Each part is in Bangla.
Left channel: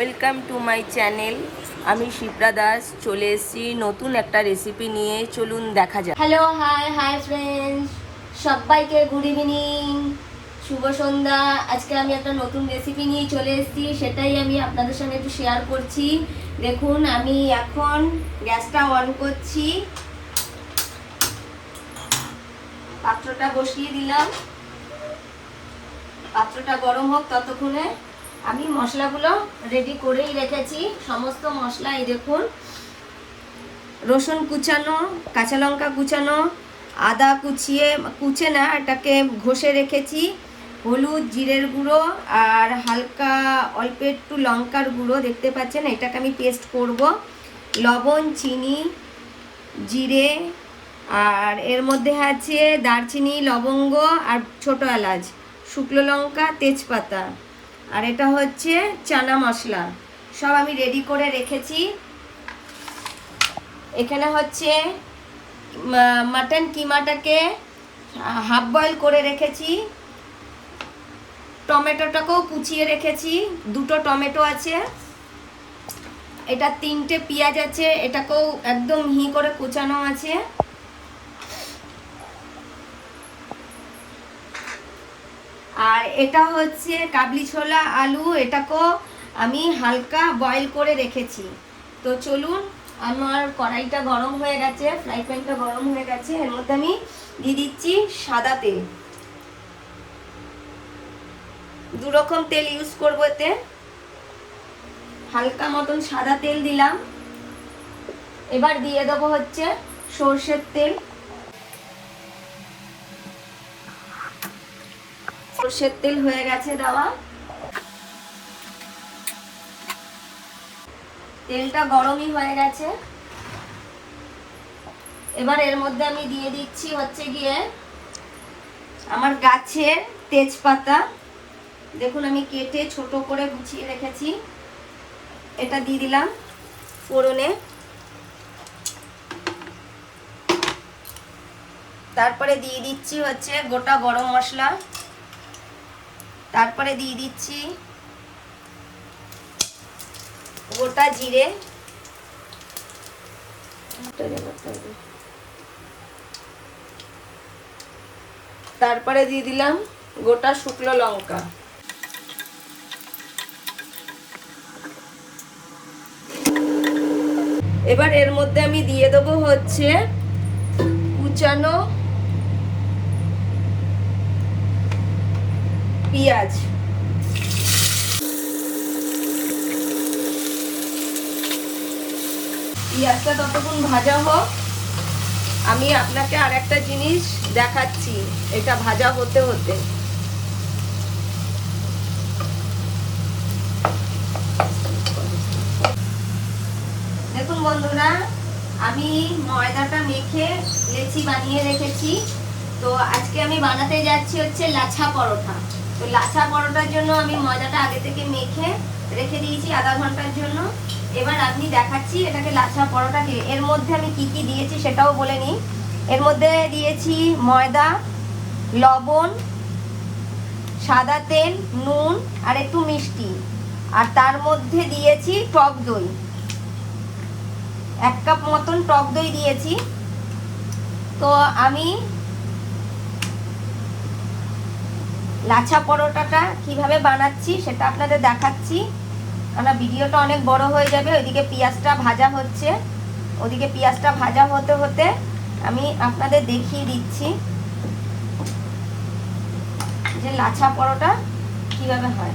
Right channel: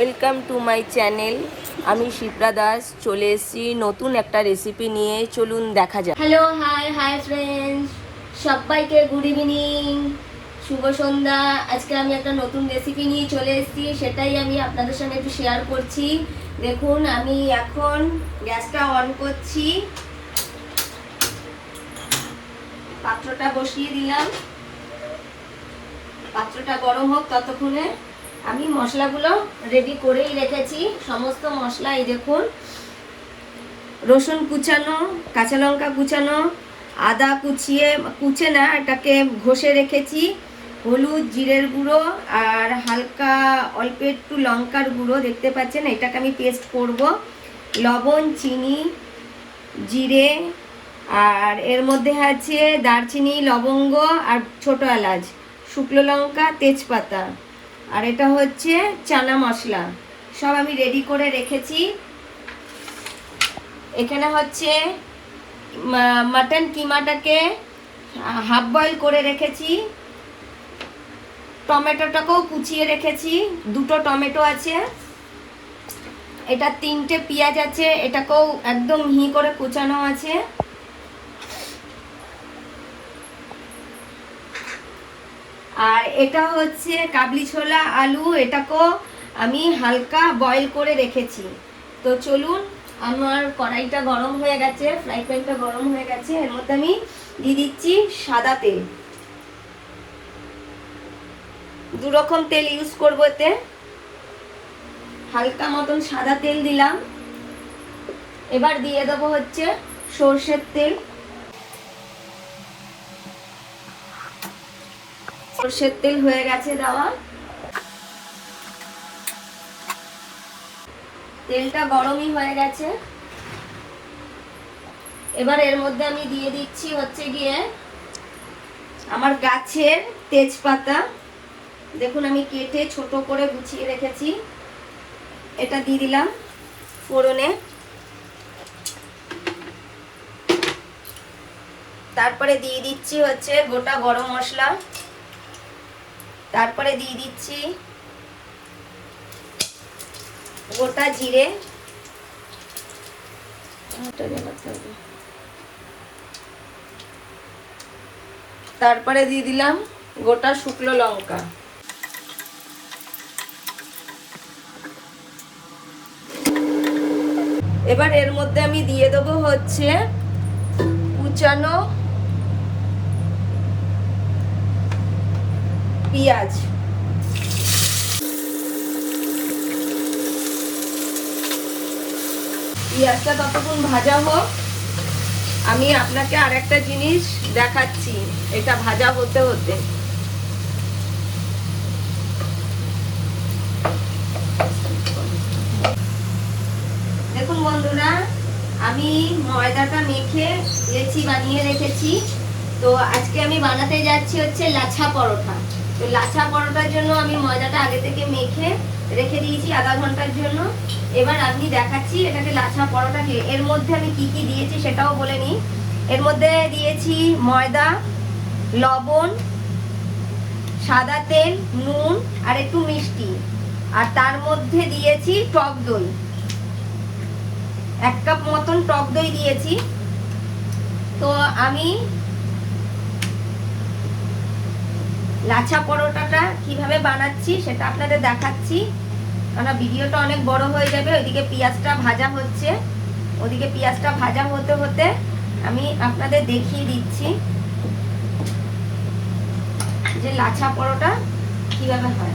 Welcome to my channel. আমি শিপ্রা দাস চলে এসেছি নতুন একটা রেসিপি নিয়ে। চলুন দেখা যাক। হ্যালো, হাই ফ্রেন্ডস, সবাইকে গুড ইভিনিং, শুভ সন্ধ্যা। আজকে আমি একটা নতুন রেসিপি নিয়ে চলে এসেছি, সেটাই আমি আপনাদের সঙ্গে একটু শেয়ার করছি। দেখুন, আমি এখন গ্যাসটা অন করছি, পাত্রটা বসিয়ে দিলাম। পাত্রটা গরম হোক ততক্ষণে আমি মশলাগুলো রেডি করেই রেখেছি। সমস্ত মশলা এই দেখুন, রসুন কুচানো, কাঁচা লঙ্কা কুচানো, আদা কুচে না, এটাকে ঘষে রেখেছি, হলুদ, জিরের গুঁড়ো আর হালকা অল্প একটু লঙ্কার গুঁড়ো দেখতে পাচ্ছেন, এটাকে আমি পেস্ট করব। লবণ, চিনি, জিরে, আর এর মধ্যে আছে দারচিনি, লবঙ্গ আর ছোটো এলাচ, শুকনো লঙ্কা, তেজপাতা, আর এটা হচ্ছে চানা মশলা। সব আমি রেডি করে রেখেছি। এখানে হচ্ছে মাটন কিমাটাকে হাফ বয়েল করে রেখেছি, টমেটোটাকেও কুচিয়ে রেখেছি, দুটো টমেটো আছে, এটা 3টে পেঁয়াজ আছে, এটাকেও একদম মিহি করে কুচানো আছে। আর এটা হচ্ছে কাবলি ছোলা আলু, এটাকেও আমি হালকা বয়েল করে রেখেছি। তো চলুন, আমার কড়াইটা গরম হয়ে গেছে, ফ্রাই প্যানটা গরম হয়ে গেছে, এর মধ্যে আমি দিয়ে দিচ্ছি সাদা তেল। 2 রকম তেল ইউজ করবো এতে। হালকা মতন সাদা তেল দিলাম। এবার দিয়ে দেবো হচ্ছে সর্ষের তেল। সর্ষের তেল হয়ে গেছে দেওয়া, তেলটা গরমই হয়ে গেছে। এবার এর মধ্যে আমি দিয়ে দিচ্ছি হচ্ছে গিয়ে আমার গাছের তেজপাতা। দেখুন, আমি কেটে ছোট করে গুছিয়ে রেখেছি, এটা দিয়ে দিলাম ফোড়নে। তারপরে দিয়ে দিচ্ছি হচ্ছে গোটা গরম মশলা, তারপরে দিয়ে দিচ্ছি গোটা জিরে, তারপরে দিয়ে দিলাম গোটা শুকনো লঙ্কা। এবার এর মধ্যে আমি দিয়ে দেবো হচ্ছে কুচানো পেঁয়াজ। পেঁয়াজটা ততক্ষণ ভাজা হোক, আমি আপনাকে আর একটা জিনিস দেখাচ্ছি, এটা ভাজা হতে হতে। দেখুন বন্ধুরা, আমি ময়দাটা মেখে লেচি বানিয়ে রেখেছি। তো আজকে আমি বানাতে যাচ্ছি হচ্ছে লাচ্ছা পরোটা। তো লাচ্ছা পরোটার জন্য আমি ময়দাটা আগে থেকে মেখে রেখে দিয়েছি আধা ঘন্টার জন্য। এবার আমি দেখাচ্ছি এটাকে লাচ্ছা পরোটাকে। এর মধ্যে আমি কি কি দিয়েছি সেটাও বলে নিই। এর মধ্যে দিয়েছি ময়দা, লবণ, সাদা তেল, নুন আর একটু মিষ্টি, আর তার মধ্যে দিয়েছি টক দই, 1 কাপ মতন টক দই দিয়েছি। তো আমি লাচ্ছা পরোটাটা কিভাবে বানাচ্ছি সেটা আপনাদের দেখাচ্ছি, কারণ ভিডিওটা অনেক বড় হয়ে যাবে। ওইদিকে পেঁয়াজটা ভাজা হচ্ছে, ওদিকে পেঁয়াজটা ভাজা হতে হতে আমি আপনাদের দেখিয়ে দিচ্ছি যে লাচ্ছা পরোটা কিভাবে হয়।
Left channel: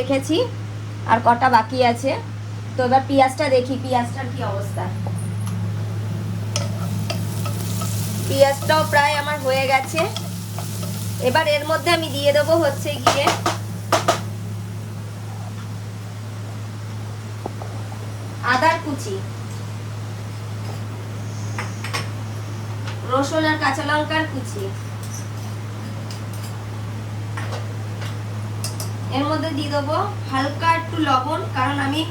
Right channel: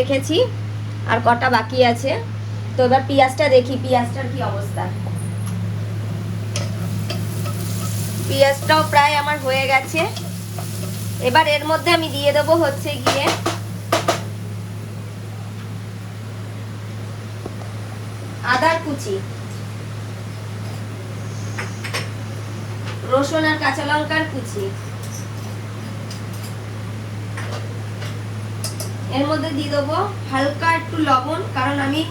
রেখেছি আর কটা বাকি আছে। তো এবার পেঁয়াজটা দেখি, পেঁয়াজটার কি অবস্থা। পেঁয়াজটাও প্রায় আমার হয়ে গেছে। এবার এর মধ্যে আমি দিয়ে দেবো হচ্ছে গিয়ে আদার কুচি, রসুন আর কাঁচা লঙ্কার কুচি। এর মধ্যে দিয়ে দেবো হালকা একটু লবণ, কারণ আমি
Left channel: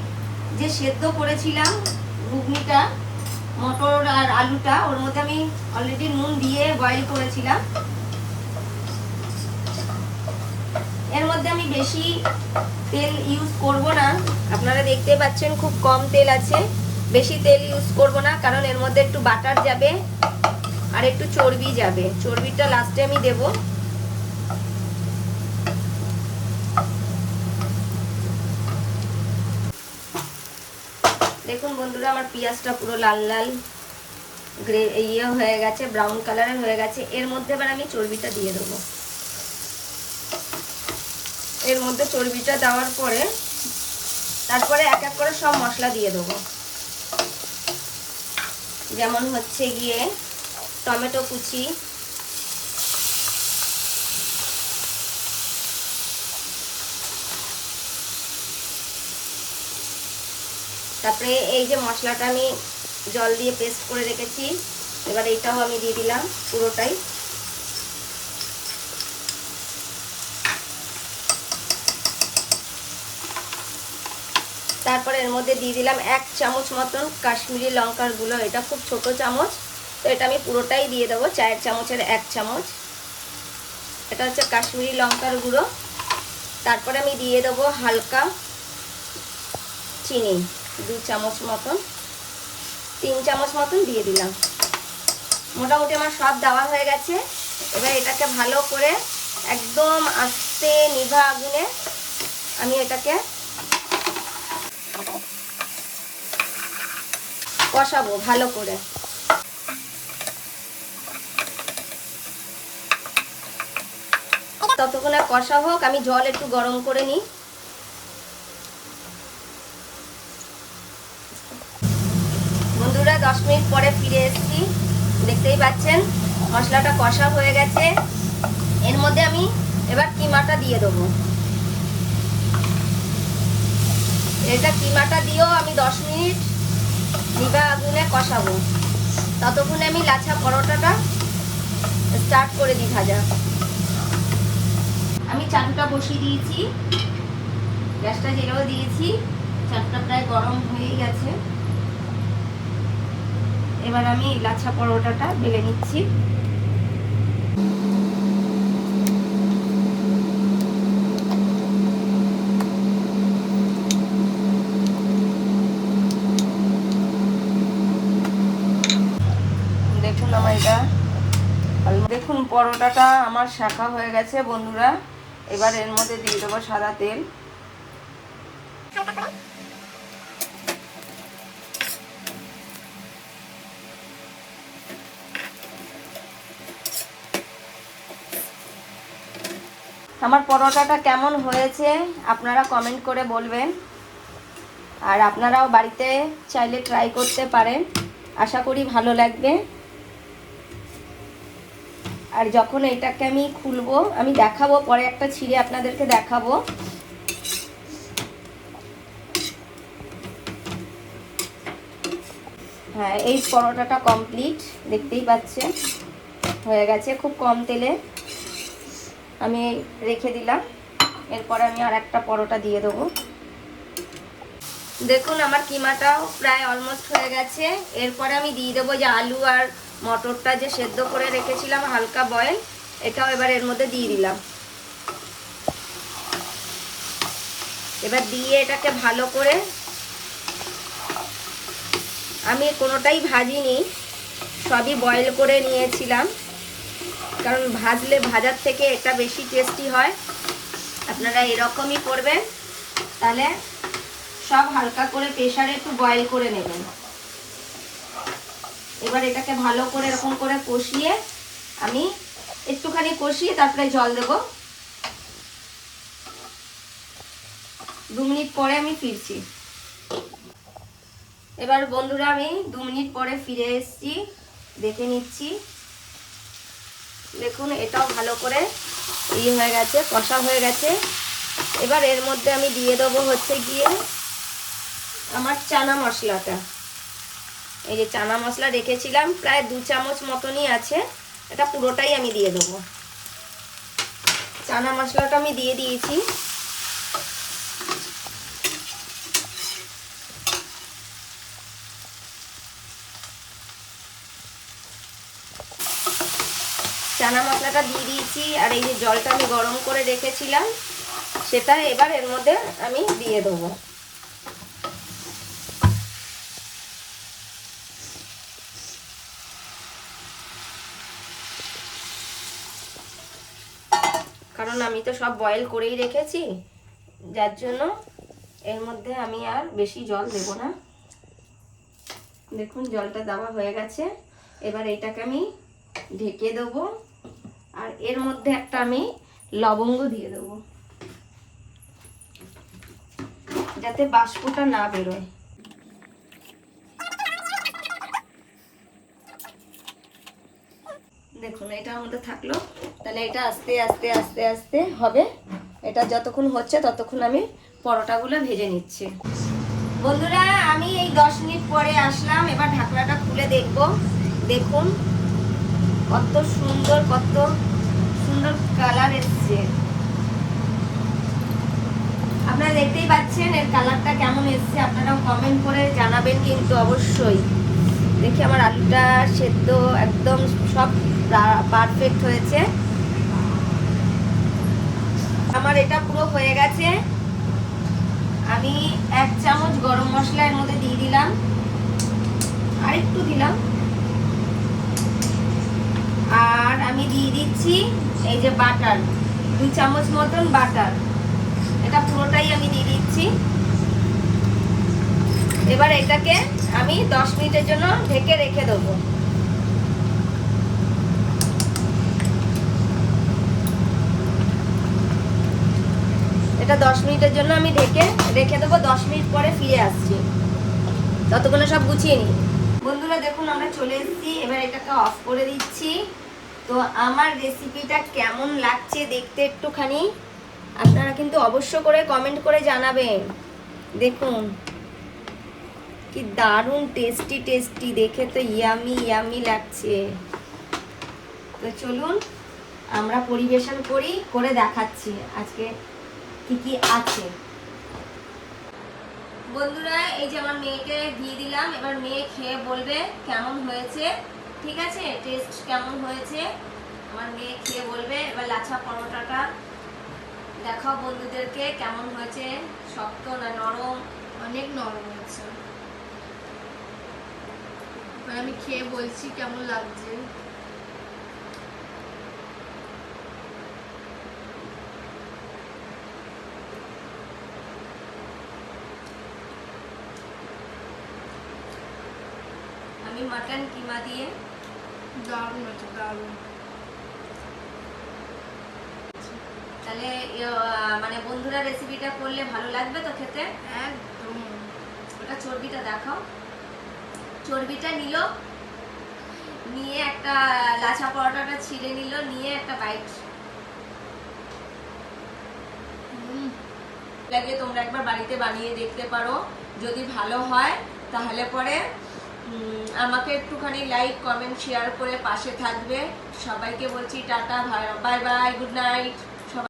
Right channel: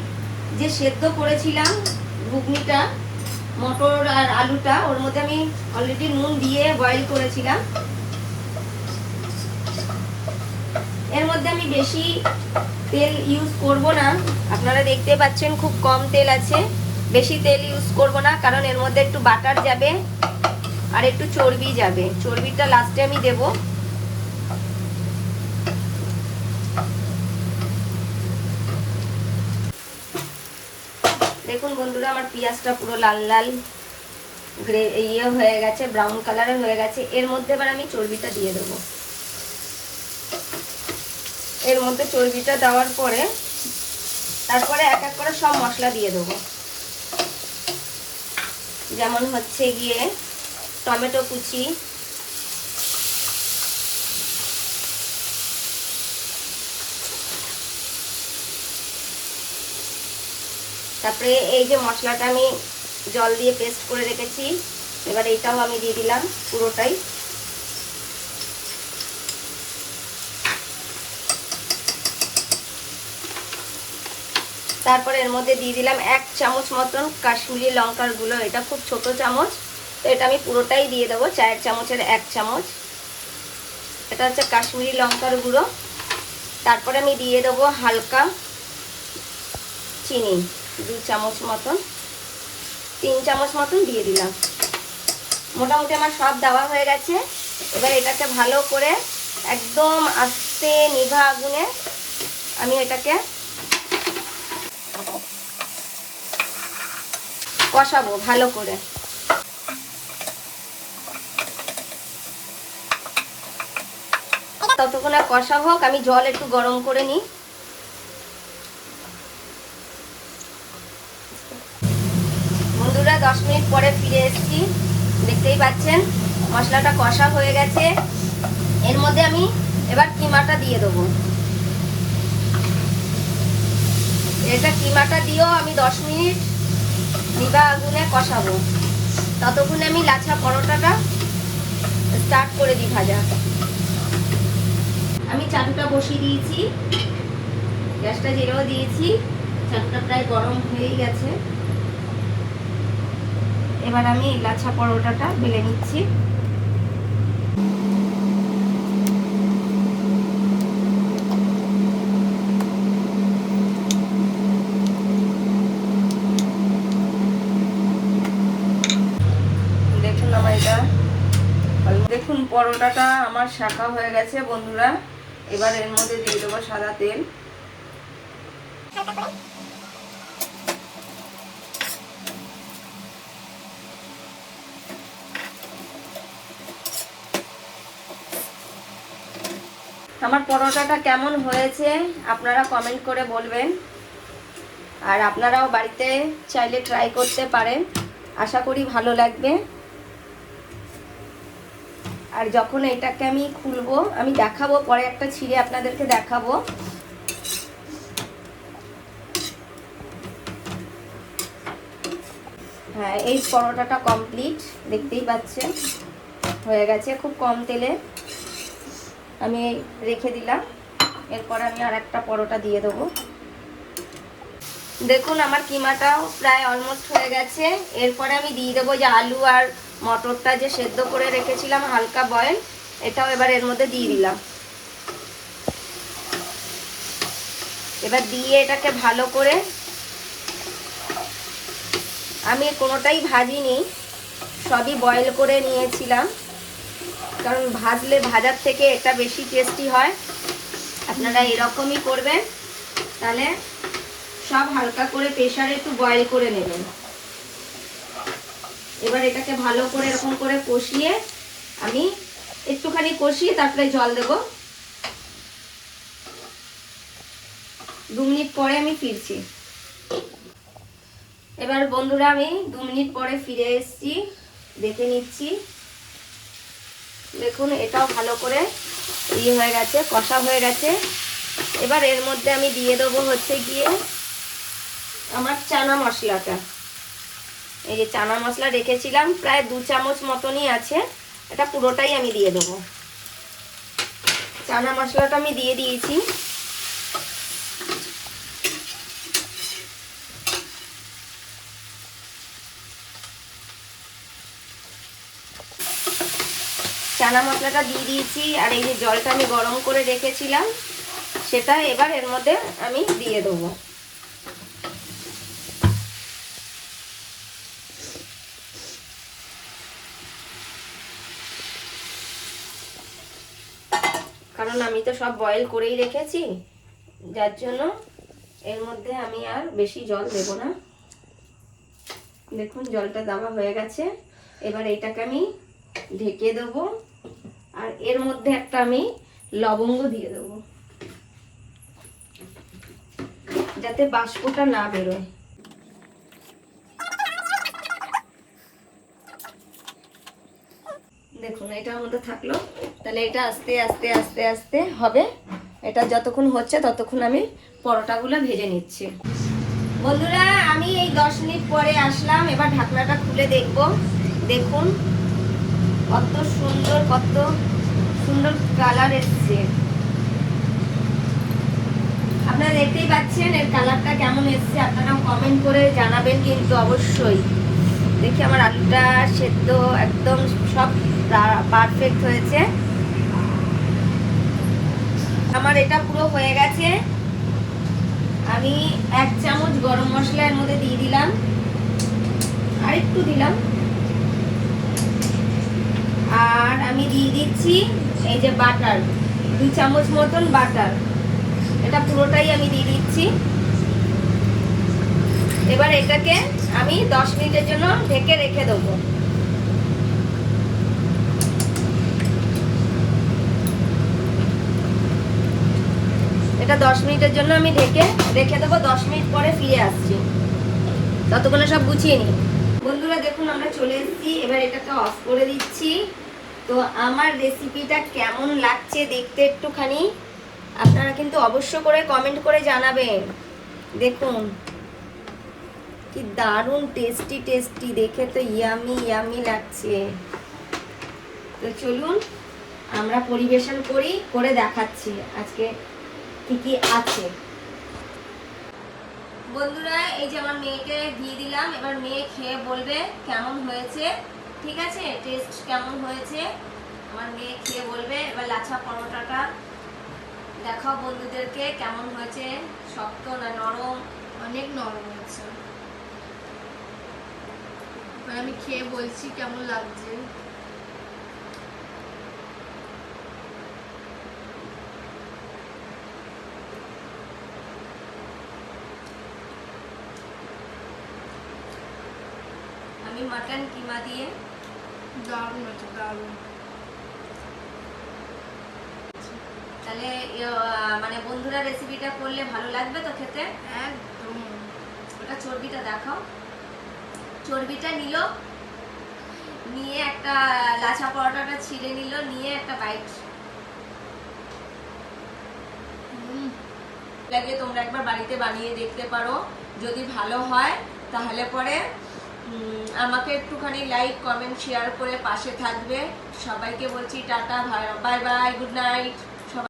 যে সেদ্ধ করেছিলাম ঘুগনিটা, মটর আর আলুটা, ওর মধ্যে আমি অলরেডি নুন দিয়ে বয়েল করেছিলাম। এর মধ্যে আমি বেশি তেল ইউজ করব না, আপনারা দেখতে পাচ্ছেন খুব কম তেল আছে। বেশি তেল ইউজ করব না, কারণ এর মধ্যে একটু বাটার যাবে আর একটু চর্বি যাবে। চর্বিটা লাস্টে আমি দেব। দেখুন বন্ধুরা, আমার পেঁয়াজটা পুরো লাল লাল ইয়ে হয়ে গেছে, ব্রাউন কালারের হয়ে গেছে। এর মধ্যে এবার আমি চর্বিটা দিয়ে দেবো। এর মধ্যে চর্বিটা দেওয়ার পরে তারপরে এক এক করে সব মশলা দিয়ে দেবো। যেমন হচ্ছে গিয়ে টমেটো কুচি, তারপরে এই যে মশলাটা আমি জল দিয়ে পেস্ট করে রেখেছি, এবার এইটাও আমি দিয়ে দিলাম পুরোটাই। তারপরে এর মধ্যে দিয়ে দিলাম 1 চামচ মতন কাশ্মীরি লঙ্কার গুঁড়ো। এটা খুব ছোট চামচ, তো এটা আমি পুরোটাই দিয়ে দেবো। 4 চামচের 1 চামচ এটা হচ্ছে কাশ্মীরি লঙ্কার গুঁড়ো। তারপরে আমি দিয়ে দেবো হালকা চিনি, 2 চামচ মতন, 3 চামচ মতন দিয়ে দিলাম। মোটামুটি আমার সব দেওয়া হয়ে গেছে। এবার এটাকে ভালো করে একদম আস্তে নিভা আগুনে আমি এটাকে কষাবো ভালো করে। ততক্ষণ আর কষা হোক, আমি জল একটু গরম করে নিই। বন্ধুরা 10 মিনিট পরে ফিরে এসেছি, দেখতেই পাচ্ছেন মশলাটা কষা হয়ে গেছে। এর মধ্যে আমি এবার কিমাটা দিয়ে দেবো। এটা কিমাটা দিয়েও আমি 10 মিনিট নিভা আগুনে কষাবো। ততক্ষণে আমি লাচ্ছা পরোটাটা স্টার্ট করে দিই ভাজা। আমি চাটুটা বসিয়ে দিয়েছি, গ্যাসটা জেরেও দিয়েছি, চাটুটা প্রায় গরম হয়েই গেছে। এবার আমি লাচ্ছা পরোটাটা বেলে নিচ্ছি। দেখুন পরোটাটা আমার শাঁকা হয়ে গেছে বন্ধুরা। এবার এর মধ্যে দিয়ে দেবো সাদা তেল। আমার পরোটাটা কেমন হয়েছে আপনারা কমেন্ট করে বলবেন, আর আপনারাও বাড়িতে চাইলে ট্রাই করতে পারেন। আশা করি ভালো লাগবে। আর যখন এটাকে আমি খুলবো, আমি দেখাবো, পরে একটা ছিঁড়ে আপনাদেরকে দেখাবো। হ্যাঁ, এই পরোটাটা কমপ্লিট, দেখতেই পাচ্ছেন হয়ে গেছে। খুব কম তেলে আমি রেখে দিলাম। এরপরে আমি আর একটা পরোটা দিয়ে দেবো। দেখুন আমার কিমাটাও প্রায় অলমোস্ট হয়ে গেছে। এরপরে আমি দিয়ে দেবো যে আলু আর মটরটা যে সেদ্ধ করে রেখেছিলাম হালকা বয়েল, এটাও এবার এর মধ্যে দিয়ে দিলাম। এবার দিয়ে এটাকে ভালো করে, আমি কোনোটাই ভাজিনি, সবই বয়েল করে নিয়েছিলাম, কারণ ভাজলে ভাজার থেকে এটা বেশি টেস্টি হয়। আপনারা এরকমই করবেন, তাহলে সব হালকা করে প্রেসারে একটু বয়েল করে নেবেন। এবার এটাকে ভালো করে এরকম করে কষিয়ে, আমি একটুখানি কষিয়ে তারপরে জল দেব। 2 মিনিট পরে আমি ফিরছি। এবার বন্ধুরা আমি 2 মিনিট পরে ফিরে এসেছি, দেখে নিচ্ছি। দেখুন এটাও ভালো করে হয়ে গেছে, কষা হয়ে গেছে। এবার এর মধ্যে আমি দিয়ে দেবো হচ্ছে গিয়ে আমার চানা মশলাটা। এই যে চানা মশলা রেখেছিলাম প্রায় 2 চামচ মতনই আছে, এটা পুরোটাই আমি দিয়ে দেবো। চানা মশলাটা আমি দিয়ে দিয়েছি। চানা মশলাটা দিয়ে দিয়েছি, আর এই যে জলটা আমি গরম করে রেখেছিলাম সেটা এবার এর মধ্যে আমি দিয়ে দেবো। কারণ আমি তো সব বয়েল করেই রেখেছি, যার জন্য এর মধ্যে আমি আর বেশি জল দেব না। দেখুন জলটা দেওয়া হয়ে গেছে। এবার এটাকে আমি ঢেকে দেবো, আর এর মধ্যে একটা আমি লবঙ্গ দিয়ে দেবো যাতে বাষ্পটা না বেরোয়। দেখুন এটার মধ্যে থাকলো, তাহলে এটা আস্তে আস্তে আস্তে আস্তে হবে। এটা যতক্ষণ হচ্ছে ততক্ষণ আমি পরোটাগুলো ভেজে নিচ্ছি। বন্ধুরা আমি এই 10 মিনিট পরে আসলাম, এবার ঢাকনাটা খুলে দেখব। দেখুন কত সুন্দর কালার এসছে। আপনারা দেখতেই পাচ্ছেন এর কালারটা কেমন এসছে, আপনারা কমেন্ট করে জানাবেন কিন্তু অবশ্যই। দেখি আমার আলুটা সেদ্ধ একদম সব পারফেক্ট হয়েছে। আমার এটা পুরো হয়ে গেছে। আমি 1 চামচ গরম মশলা এর মধ্যে দিয়ে দিলাম, আর একটু দিলাম। আর আমি দিয়ে দিচ্ছি এই যে বাটার, 2 চামচ মতন বাটার, এটা পুরোটাই আমি দিয়ে দিচ্ছি। এবার এটাকে আমি 10 মিনিটের জন্য ঢেকে রেখে দেবো। এটা 10 মিনিটের জন্য আমি ঢেকে রেখে দেবো। 10 মিনিট পরে ফিরে আসছি, ততক্ষণে সব গুছিয়ে নিই। বন্ধুরা দেখুন আমরা চলে এসেছি, এবার এটাকে অফ করে দিচ্ছি। তো আমার রেসিপিটা কেমন লাগছে দেখতে একটুখানি আপনারা কিন্তু অবশ্য করে কমেন্ট করে জানাবেন। দেখুন কি দারুণ টেস্টি, দেখে তো ইয়ামি লাগছে। তো চলুন আমরা পরিবেশন করে দেখাচ্ছি আজকে কি কি আছে। বন্ধুরা এই যে আমার মেয়েকে দিয়ে দিলাম, এবার মেয়ে খেয়ে বলবে কেমন হয়েছে। ঠিক আছে, টেস্ট কেমন হয়েছে আমার মেয়ে খেয়ে বলবে। এবার লাচ্ছা পরোটাটা দেখাও বন্ধুদেরকে কেমন হয়েছে, শক্ত না নরম? অনেক নরম হয়েছে। আমি খেয়ে বলছি কেমন লাগছে। আমি মাটন কিমা দিয়ে। দারুণ হয়েছে, দারুণ। তাহলে মানে বন্ধুরা রেসিপিটা করলে ভালো লাগবে তো খেতে? একদম। ওটা চর্বিটা দেখাও। চর্বিটা নিল, নিয়ে একটা লাচ্ছা পরোটাটা ছিঁড়ে নিল, নিয়ে একটা বাইট লাগে। তোমরা একবার বাড়িতে বানিয়ে দেখতে পারো, যদি ভালো হয় তাহলে পরে আমাকে একটুখানি লাইক কমেন্ট শেয়ার করে পাশে থাকবে। সবাইকে বলছি tata, bye bye, good night.